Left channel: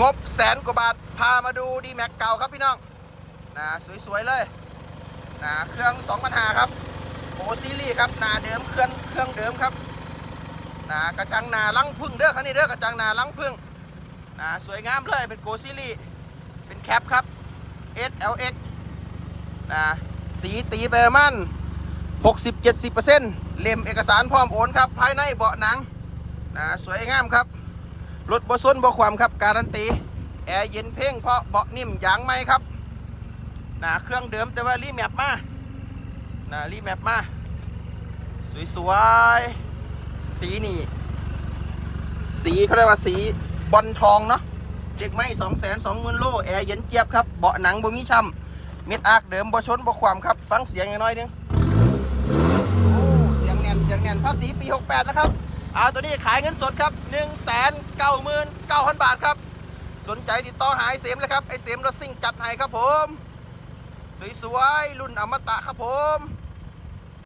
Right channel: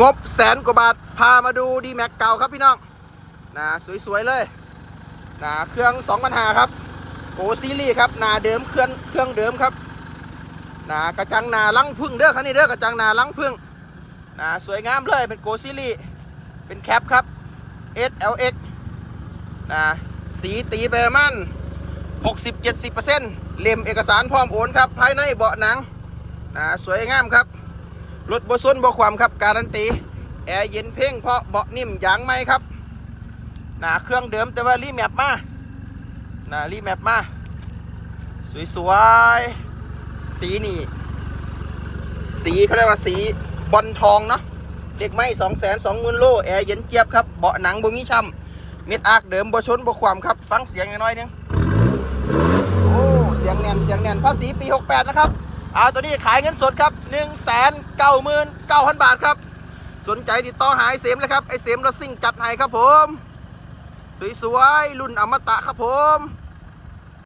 งบแสนกว่าบาท พามาดูดีแม็กเก่าครับพี่น้องนะสวยๆเลยนะเครื่อง2 0 0 0ครับโกซีรีครับนาเดิมเครื่องเครื่องเดิมครับนะกระจังหนาลังพึ่งเด้อคันนี้เด้อกระจังหนาลังพึ่งนะสวยงามเลยเป็นโกซีรีเป็นแคปครับ SLX นะสีตีไปประมาณ60-70%เล่มเอกสารพร้อมโอนครับ ภายในเบาะหนังนะสวยงามครับ รถบส้นบความครับ การันตี แอร์เย็นเพ่งเพราะเบาะนิ่มยางไหมครับนะเครื่องเดิมแต่ว่ารีแมปมานะรีแมปมา สวยๆ สีนี่ สีเขาเรียกว่าสีบอลทองเนาะเด็กไม่สองแสนสองหมื่นโล แอร์เย็นเจี๊ยบครับเบาะหนังบ่มีช้ำมิดอาร์คเดิมบ่ชนบ่ความครับ ฟังเสียงน้อยนึงโอ้ เสียงแน่นเสียงแน่นภาษีปี 68 นะครับ เอาตัวนี้ขายเงินสดครับ1 9 9 9 0 0 0บาทครับ สนใจติดต่อหายเสมเลยครับไอเสมรถซิ่งจัดให้ครับผม สวยๆรุ่นอมตะครับผม